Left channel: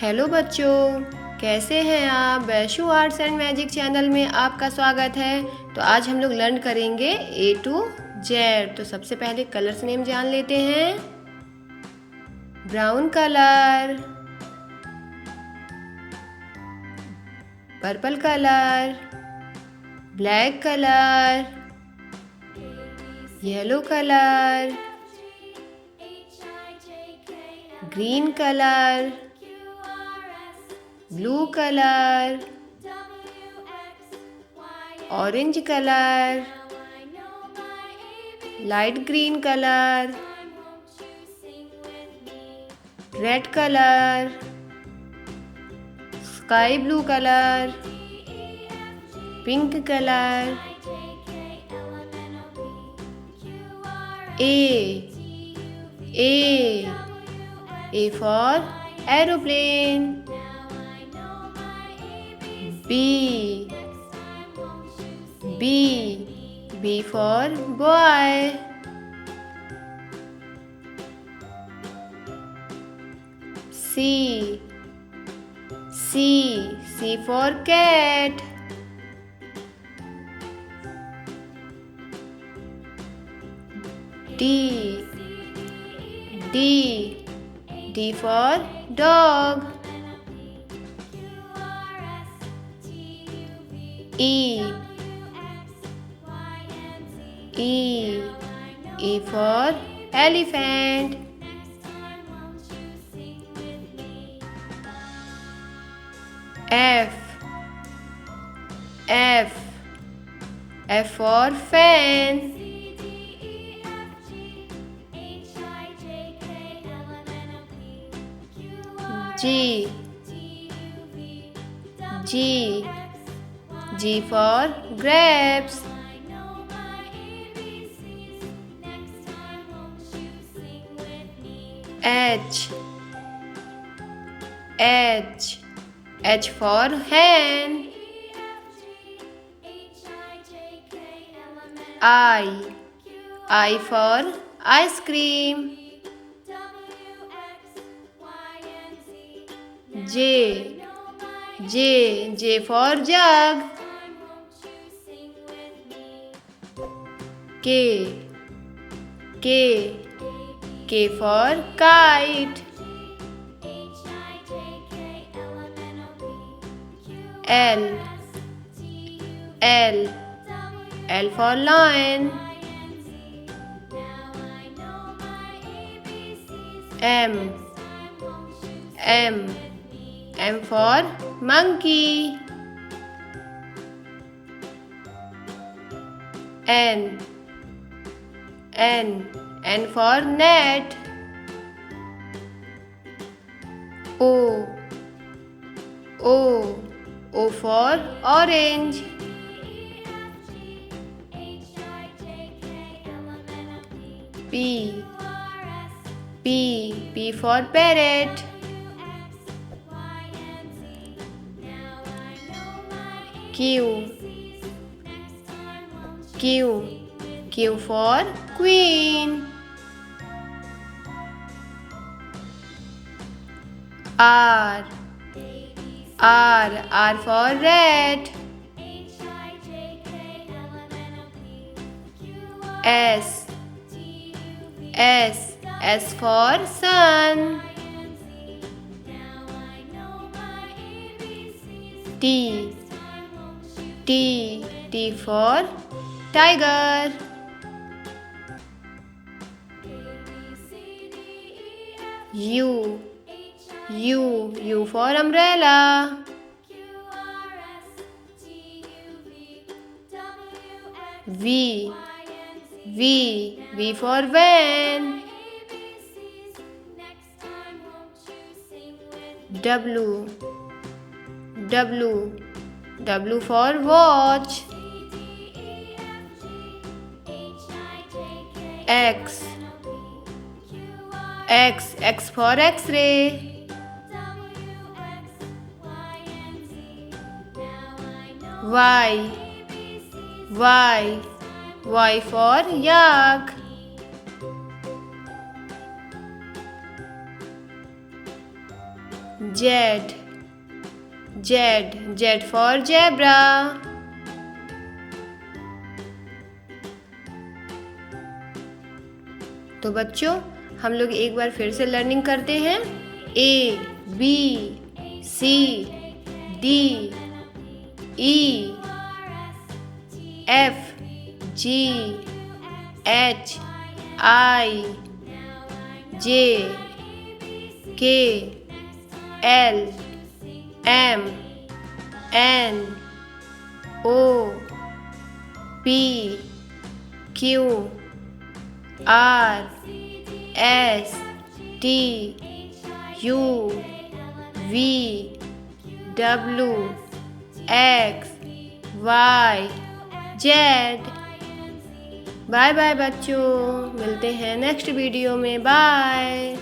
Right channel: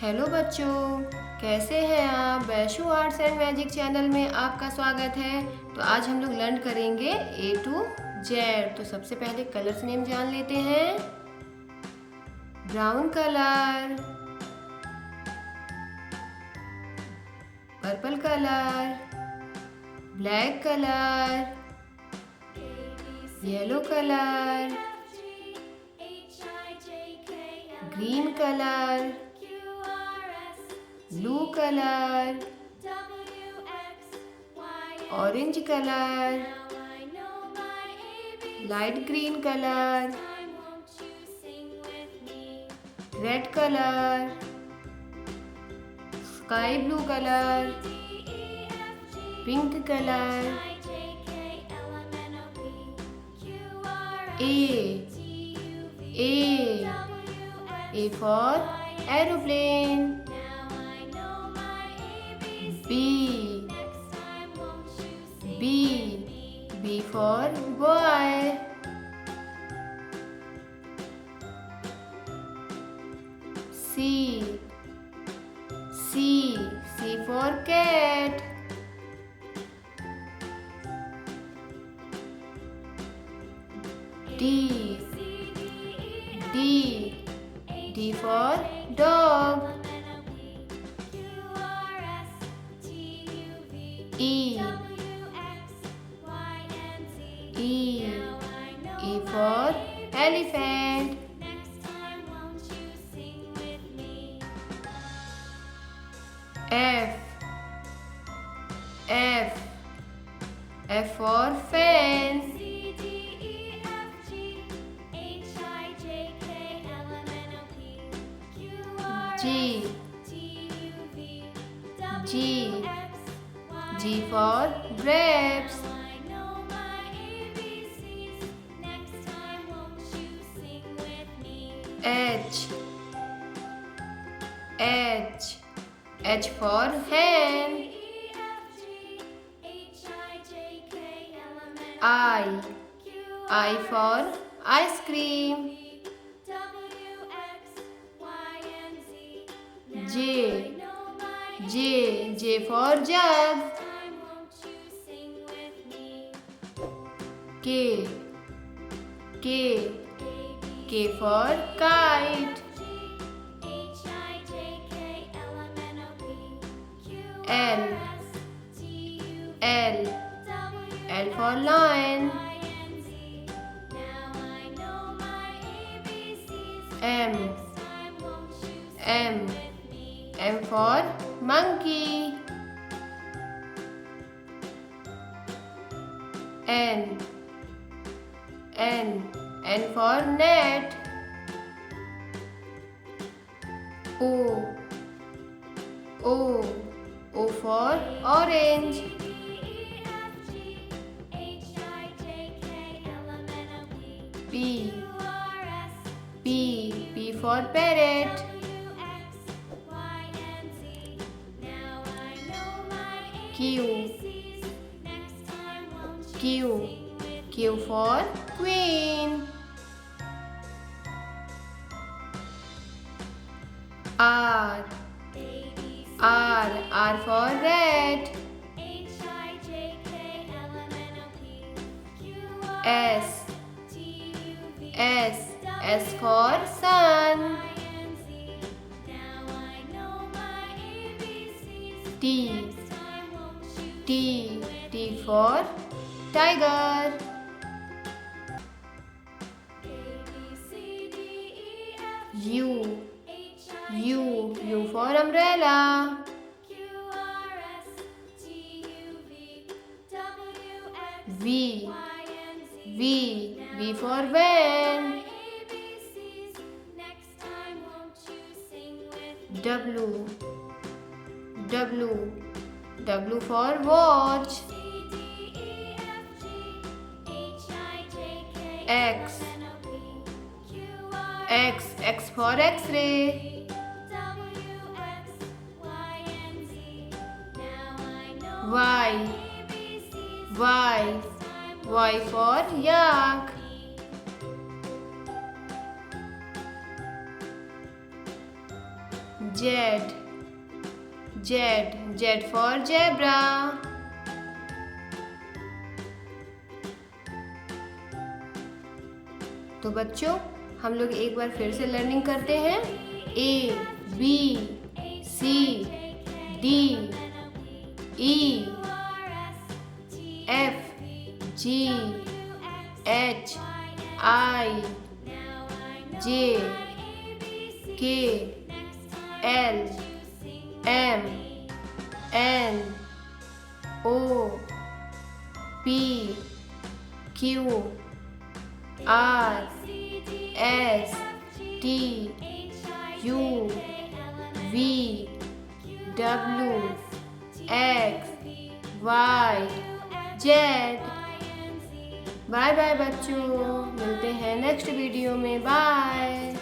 हेलो बच्चों, कैसे हैं आप। Vaishu arts and magic channel में आपका स्वागत है। तो आज हम लोग लर्न करेंगे A to Z। तो सबसे पहले कलर्स नेम जान लेते हैं। Brown colour, purple colour, black colour, yellow colour, green colour, blue colour, orange colour, light green colour, red colour, sky blue colour, pink colour, A for aeroplane, B for boy, C for cat, D for dog, E for elephant, F for fan, G for grapes, H for hen, I for ice cream, J for jug, K for kite, L for lion, M for monkey, N for net, O for orange, P for parrot, Q for queen, R for rat, S for sun, T for tiger, U for umbrella, V for van, W for watch, X for X-ray, Y for yak, Z. Z for zebra. तो बच्चों हम लोग एक बार फिर से लर्निंग करते हैं। A B C D E F G H I J K L M N O P Q R S T U V W X Y Z। Bye bye बच्चों, मिलते हैं नेक्स्ट वीडियो में। बाय।